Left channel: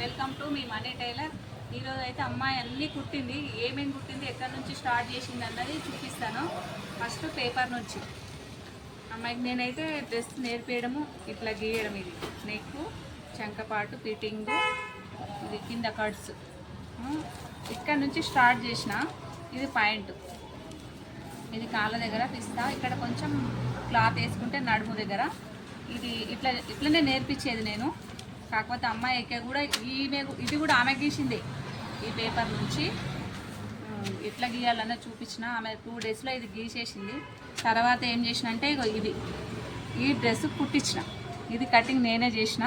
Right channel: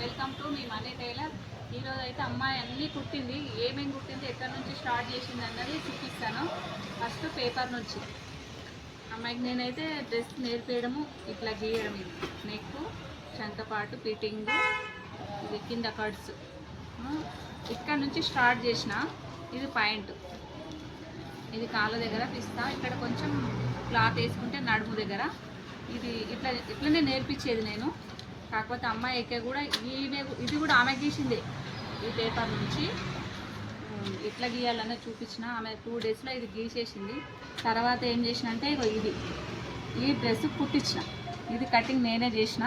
Welcome to మీ Mani tailor. ఈరోజు అయితే అమ్మాయి అన్నీ కుట్టింది. ఏమేమి కుట్టింది, ఎక్కడి నుంచి స్టార్ట్ చేసింది అన్నది చూపిస్తాను. ఫస్ట్ పేపర్ నుంచి అమ్మాయికి నేనైతే డ్రెస్ నేర్పేయడము, ఇట్లా గీయడం, ఇది నెక్, చంకపాటు, ఫిట్టింగ్, ఇది కింద కట్స్, ఇక్కడ నుంచి స్టార్ట్ చేసిన. ఇది పాయింట్, ఇది కాళ్ళ దగ్గర పిస్తా, ఇక్కడ కొంచెం క్లాత్ వేసుకుంటే నడుము దగ్గర. ఇది ఇట్లనే నేర్పించేది నేను. కాకపోతే అమ్మాయికి కూడా ఇది కూడా ఆమె గీసిందే. ఈ పేపర్ నుంచి ఎట్లా గీయాలన్న చూపించిన. ఆమె 2 డేస్లో ఇది గీసేసింది. తర్వాత ఏం చేసిన అంటే ఈ డ్రెస్ కుట్టించిన. ఇది కటింగ్ నేనే చేసిన.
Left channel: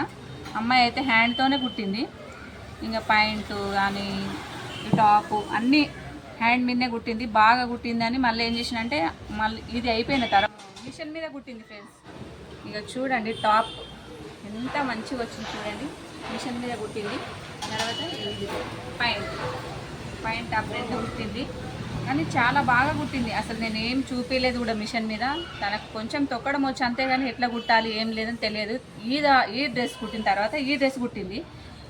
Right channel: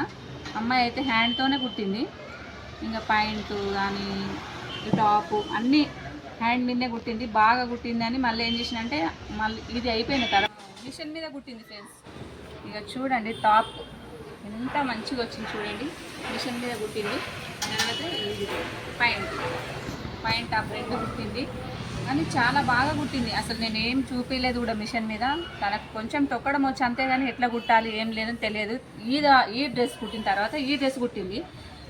అమ్మాయి అయితే హ్యాండ్తోనే కుట్టింది. ఇంకా పాయింట్ కానీ టాపు అన్నీ హ్యాండ్ మీదనే కుట్టింది. బాగా కుట్టిందని మళ్ళీ ఏం చేసిన అంటే మళ్ళీ ఇది అయిపోయిన తర్వాత మిషన్ మీద కుట్టింది ఫ్రెండ్స్. ఇక చూడండి టాప్ ఎంత మంచిగా వచ్చింది చూడండి. మిషన్ మీద కుట్టింది. తర్వాత ఇది పాయింట్ టాప్ 2 కుట్టింది. కానీ చాలా బాగా కుట్టింది. అసలు నేను ఏం చూపించలేదు కూడా మిషన్ మీద. తనకు కొంచెం తొక్కడం వచ్చి అంతేగాని ఎట్లా కుట్టాలి ఏం లేదని తెలియదు. ఈ డ్రెస్ కుట్టిన తర్వాత ఈ డ్రెస్ కుట్టింది.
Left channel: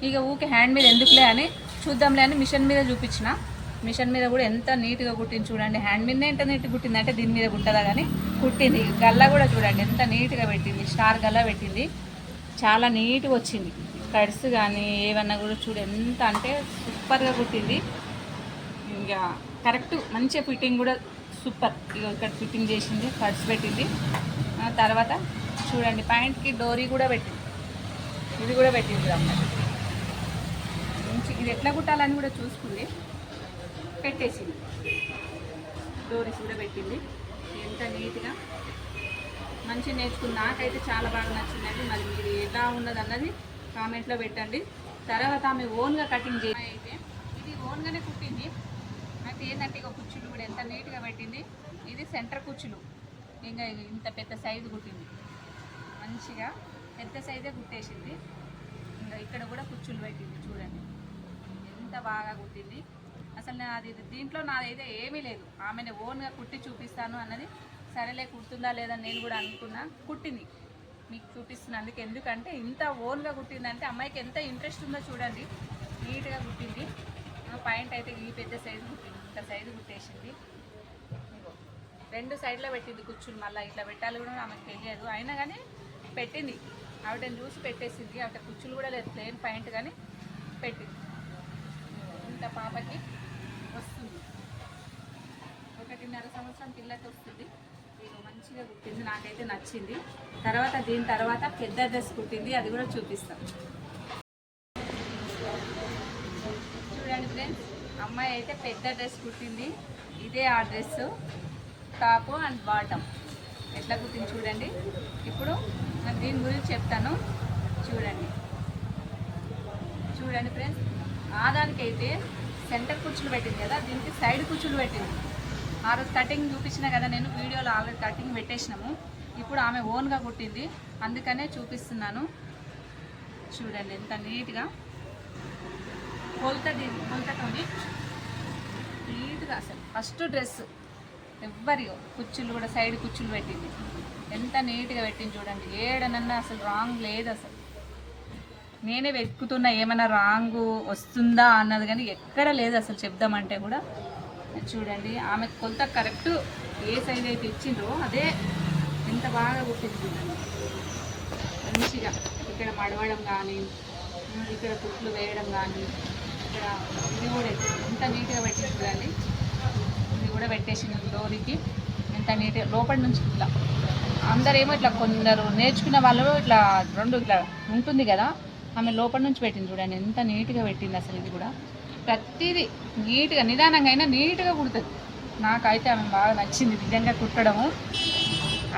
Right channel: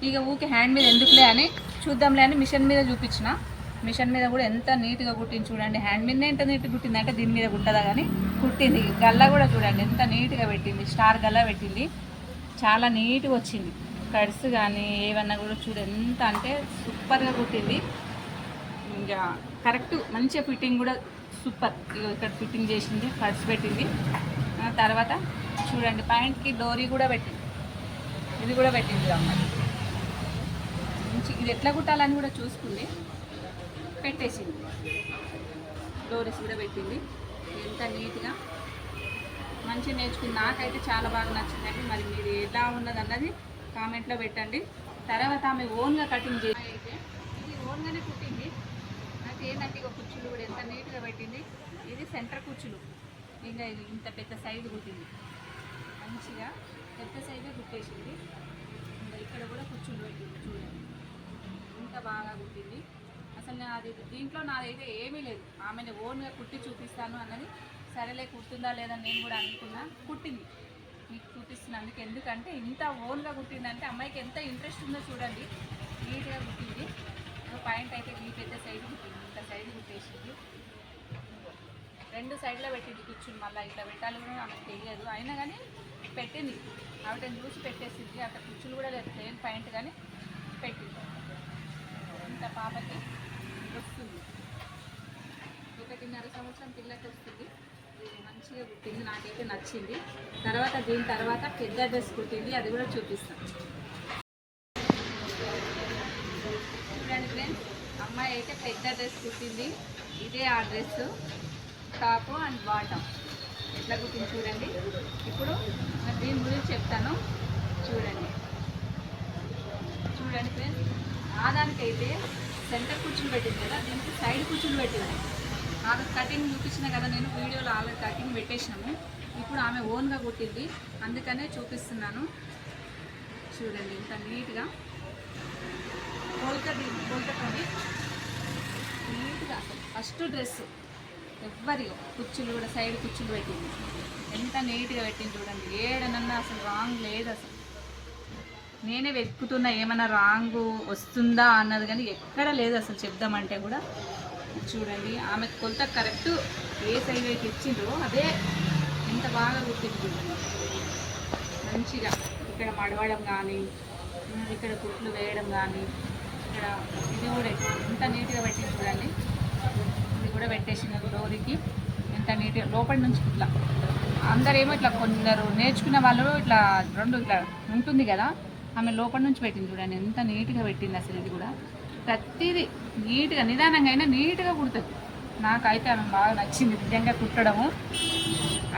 ఇక ఊకే హ్యాండ్ మీద ఎందుకులే అని చూద్దాంలే అని మిషన్ మీద చూపించిన. మిషన్ మీద కూడా ఎంత నీట్గా కుట్టింది చూడండి. హ్యాండ్ మీదనే ఎంత నీట్గా కుట్టింది అంటే దీని మీద కుట్టదా కానీ కుట్టింది. గల్లా కూడా చూడండి ఎంత నీట్గా పెట్టింది. స్టార్ గల్లా పెట్టింది. చాలా నీట్గా వచ్చింది. కట్స్ కానీ ఏమన్నా కూడా చూడు ఎంత అంటే సూపర్గా కుట్టింది. ఇంకా కరెక్ట్ మంచిగా ఫిట్టింగ్ కూడా సూపర్. ఇక్కడ ఫిట్టింగ్ చేసింది, కట్స్ పెట్టింది. తర్వాత చూడండి పాయింట్కి డోరీ కూడా పెట్టింది. ఇది కూడా పెట్టింది అమ్మాయి. మంచి ఇది ఎట్లా కుట్టాలని కూడా చూసుకుంది, పెట్టేసింది. డోరీస్ కూడా పెట్టింది. ఎంత నీట్గా మంచిగా నేర్చుకుంది. నాకైతే చాలా బాగా నచ్చిందండి. మరి మీరు ఎలా ఉన్నది అన్నది కామెంట్లో పెట్టండి. తర్వాత ఆమె ఓన్గా కటింగ్ చేసి అయితే ఇది ఓన్గానే కుట్టింది. నాకు ఏంటంటే ఇక కుచ్చులు కూడా ఎంత నీట్గా పెట్టింది. ఇది సెంటర్ కుచ్చులు. ఇంకా ఇంత పెద్ద సైజు కుట్టింది. మంచిగా పెద్ద సైజే కుట్టేసింది. ఇంకా ఇక్కడ కూడా కుచ్చులు పెట్టింది చూడండి ఎంత బాగా కుట్టింది. అసలు దీంట్లో నాదైతే ఏమీ లేదు. ఆమెను ఓన్గా కుట్టి చూపిస్తాను అన్నది. సరేలే కుడుతుందా లేదని నేను కూడా అనుకున్నా. కుట్టింది మీకు చూపిస్తున్నందుకు. ఎందుకంటే ఇంత ఓన్గా కుట్టిందంటే అమ్మాయికి ఎంత ఇంట్రెస్ట్ ఉందో చూడండి. నీట్గా కుట్టింది. పాయింట్ అయితే ఈ పెద్ద సైజు కుట్టింది. ఇంత సైజు కుట్టేసింది. 2 సైడ్లో పెట్టింది కుచ్చులు. మళ్ళీ ఇట్లా పెట్టాలి కూడా ఆమెకు తెలియదు. అయినా కానీ పెట్టింది. ఆవిడని చూసి పెట్టేసింది. అట్లా కుచ్చులు కూడా లేదు, ప్లేన్ పాయింట్ కానీ పెట్టింది. ఇంత పాపకి వస్తుంది. 1.5 సంవత్సరం పిల్లకి వస్తుంది. ఇది మంచిగా కుట్టింది. నాకైతే నచ్చింది. దీని తర్వాత పెద్ద డ్రెస్ కుట్టింది. అది కూడా చూపిస్తాను చూడండి ఫ్రెండ్స్. అమ్మాయి అయితే పెద్ద డ్రెస్ కుట్టింది. ఇదే ఆ డ్రెస్ టాప్ అండ్ బాటమ్ ఎట్లా కుట్టింది చూడండి. ఇప్పుడు నేను దీని గురించి చెప్తాను. చూడండి ఫ్రెండ్స్. ఆదానికైతే సెంటర్ కుచ్చులు పెట్టింది కదా, దీనికి సైడ్ కుచ్చులు పెట్టింది. ఆమె కటింగ్ చూపించిన కదా నేను వీడియోలో. ఆల్రెడీ కటింగ్ పెట్టేసినాము. ఇప్పుడు ఆమె ఓన్గా కుట్టింది, అందుకనే చూపిస్తున్నాను. చూడండి ఎంత నీట్గా కొలతని నీట్గా. అసలు ఫస్ట్ డ్రెస్ ఎవ్వరియో కుచ్చులు కూడా సైడ్ కుచ్చులు పెట్టింది. ఎంత నీట్గా పెట్టింది చూడండి. ఏడనన్నా అసలు రాంగ్ లేదు. అసలు నేనే వెతుకుతున్నా ఏమైనా రాంగ్ వస్తుందా అన్నది, కానీ ఎక్కడ లేదు అసలు చెప్దామంటే కూడా. చూడండి ఆమె కొలత కరెక్ట్ ఏ సైజ్ అయితే ఇచ్చిందో అదే ఎంత బాగా కుట్టింది చూడండి. మంచిగా ఇక్కడ మడవడం కానీ, ఇక్కడ కుట్లు వేయడం కానీ, ఇక్కడ ఇది కూడా ఎంత నీట్గా పెట్టింది చూడండి. ఇది కూడా పెట్టేసింది డోరీకి. ఎంత నీట్గా లోపల నుంచి ఇట్లా. అందరేమో ఇట్లా కొందరు నేర్చుకున్న వాళ్ళు ఇట్లా 2 ఇట్లా ఉంటుంది కదా, ఆమె లోపల నుంచి పెట్టింది చూడండి. ఎంత నీట్గా పెట్టింది అసలు. ఇది కూడా ప్రతిదీ నీట్గా నిదానంగా అయినా నీట్గా కుడుతుంది. నాకైతే ఆమె బాగా నచ్చింది నిజంగా కుట్టడము.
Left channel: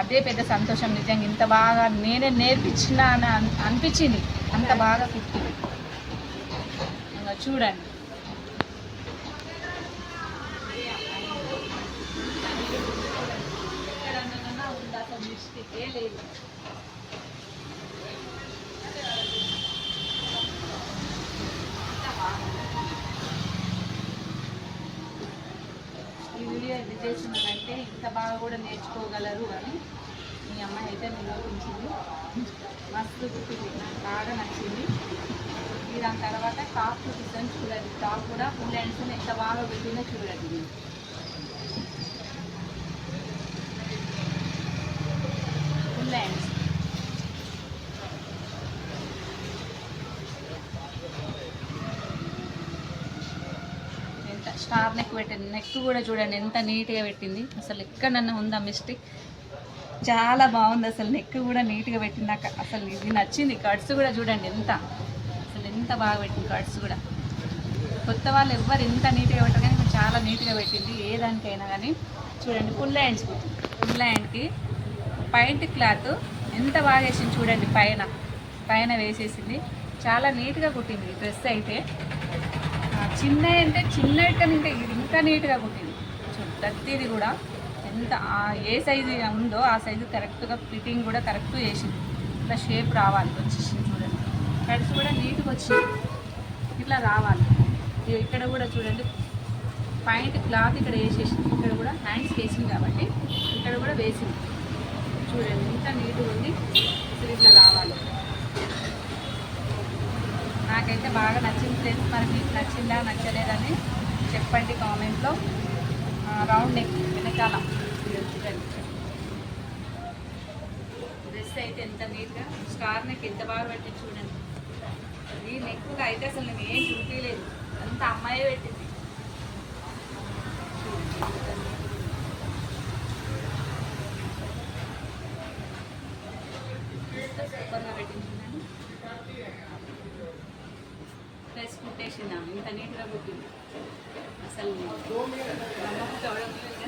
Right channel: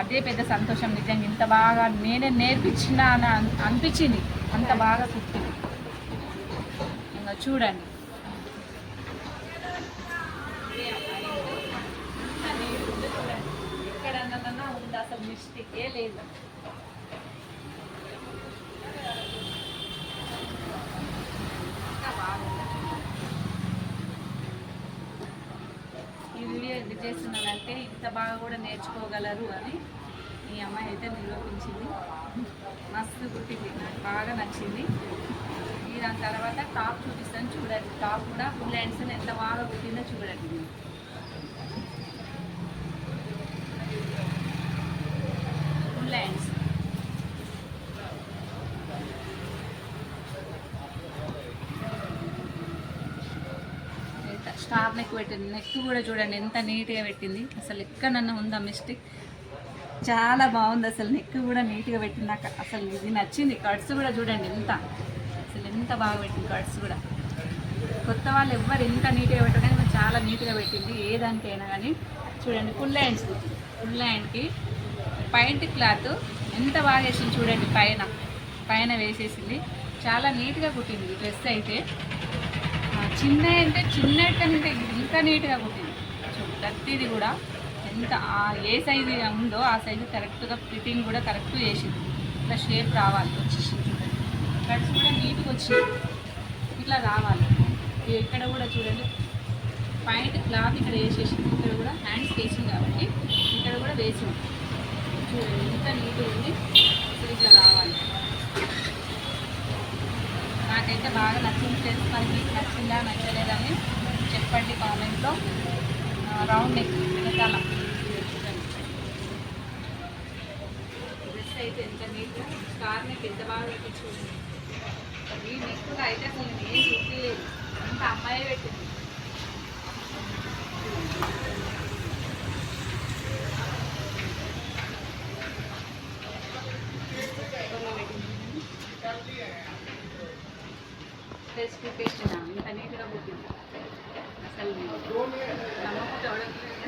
అదే పెద్ద సంతోషం నిజంగా. ఇంత బాగా నేనే నేర్పించిన అని అనిపించింది. అంత బాగా కుట్టింది. ఇంకా చూడండి ఎక్కడన్నా ఉందా అసలు మిస్టేకే లేదు. ఈ వీడియో ఎందుకు చేస్తున్నానంటే ఇంత బాగా కూడా నేర్చుకోగలరు అని ఈ అమ్మాయి అయితే నిరూపించింది. మస్తు కుట్టింది, నాకు బాగా నచ్చింది. ఈ దాని తర్వాత టాప్ చూపిస్తాను చూడండి. టాప్ కూడా ఫుల్ హ్యాండ్స్ ఎంత బాగా కుట్టిందో చూడండి. ఫుల్ హ్యాండ్స్ స్టార్ నెక్ పెట్టింది. నెక్ కూడా చూడండి ఎంత నీట్గా పెట్టింది. అసలు ఎక్కడన్నా ఉందా మిస్టేక్? చాలా బాగుంది. అసలు నెక్ కూడా నీట్గా పెట్టింది. నాకు అసలు ఇది నచ్చింది. కట్స్ కూడా చూడండి అసలు ఎంత బాగా పెట్టింది. కట్స్ కూడా కొత్త వాళ్ళు ఎవ్వరు ఎంత నీట్గా పెట్టరు కానీ చాలా నీట్గా పెట్టింది. ఏ దానికైనా కానీ చూడండి. ఫుల్ హ్యాండ్స్ కుట్టింది. ఫుల్ హ్యాండ్కి పాయింట్ క్లాత్ ఎంత బాగా వేసింది చూడండి. పైన వేసేసింది. చాలా నీట్గా కుట్టింది డ్రెస్ అయితే. చిన్న అంటే చిన్న కంటే ఇది ఇంకా నీట్గా కుట్టింది. ప్రతిది కూడా ఎంత ఏ సైజు ఉందో ఆ సైజు కరెక్ట్గా ఫిట్టింగ్ కూడా కరెక్ట్ చేసింది. ఇట్లా షేప్ రావాలి వచ్చేసింది చూడండి. కట్స్ కూడా నీట్గా వచ్చింది. ఇట్లా రావాలి. ఇక్కడ కూడా చూడండి పాయింట్ క్లాత్ ఇక్కడ వేసేసింది. ఇక్కడ కూడా హ్యాండ్స్ వేసింది కాబట్టి ఇక్కడ కూడా వేసింది. చూడండి ఎంత నీట్గా ఉంది. ఇప్పుడు ఇట్లా రావాలి. నాకైతే బాగా నచ్చింది ఫ్రెండ్స్. మరి మీకు నచ్చిందా నచ్చలేదని చెప్పండి కామెంట్లో. రౌండ్ నెక్ వెనకాల చూడండి. డ్రెస్ అయితే ఎంత నీట్గా స్టార్ నెక్ ఎంత బాగా పెట్టి చూడండి. ఈ నెక్ అయితే అసలు నేను ఏం చూపించలేదు, అంత అమ్మాయి పెట్టింది. డ్రెస్ కుట్టేస్తున్నాను ఇంత నీట్గా కుట్టింది. అసలు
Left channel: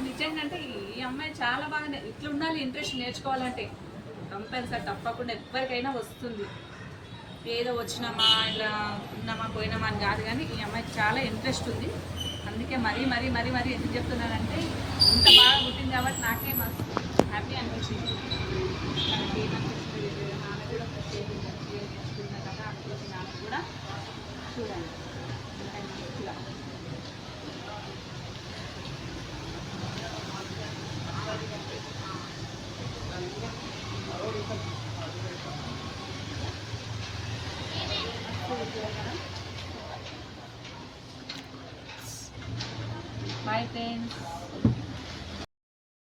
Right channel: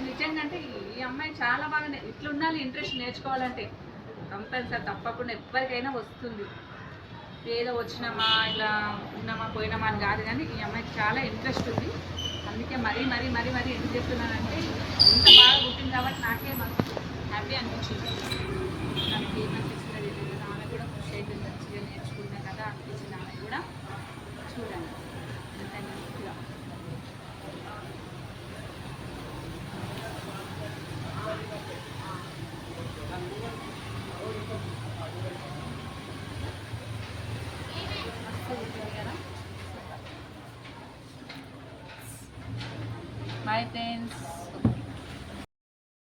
నిజంగా అంటే ఈ అమ్మాయి చాలా బాగా ఇట్లా ఉండాలి. ఇంట్రెస్ట్ నేర్చుకోవాలంటే కంపల్సరీ తప్పకుండా ఎవరికైనా వస్తుంది. ఏదో వచ్చినామా ఇలా ఉన్నామా పోయినామా అని కాదు, కానీ ఈ అమ్మాయికి చాలా ఇంట్రెస్ట్ ఉంది. అందుకే మరీ ఎందుకు చెప్తున్నానంటే ఇంత బాగా కుట్టింది కాబట్టి నాకే మస్తు హ్యాపీ అనిపించింది. నాకు ఏమనిపించిందో తెలియదు. ఆమె కూడా కృషి అయిపోయింది. మంచిగా నేర్చుకున్నా కదా అనిపించింది. ఆమె కూడా చూడండి ఎంత నీట్గా. Bye friends.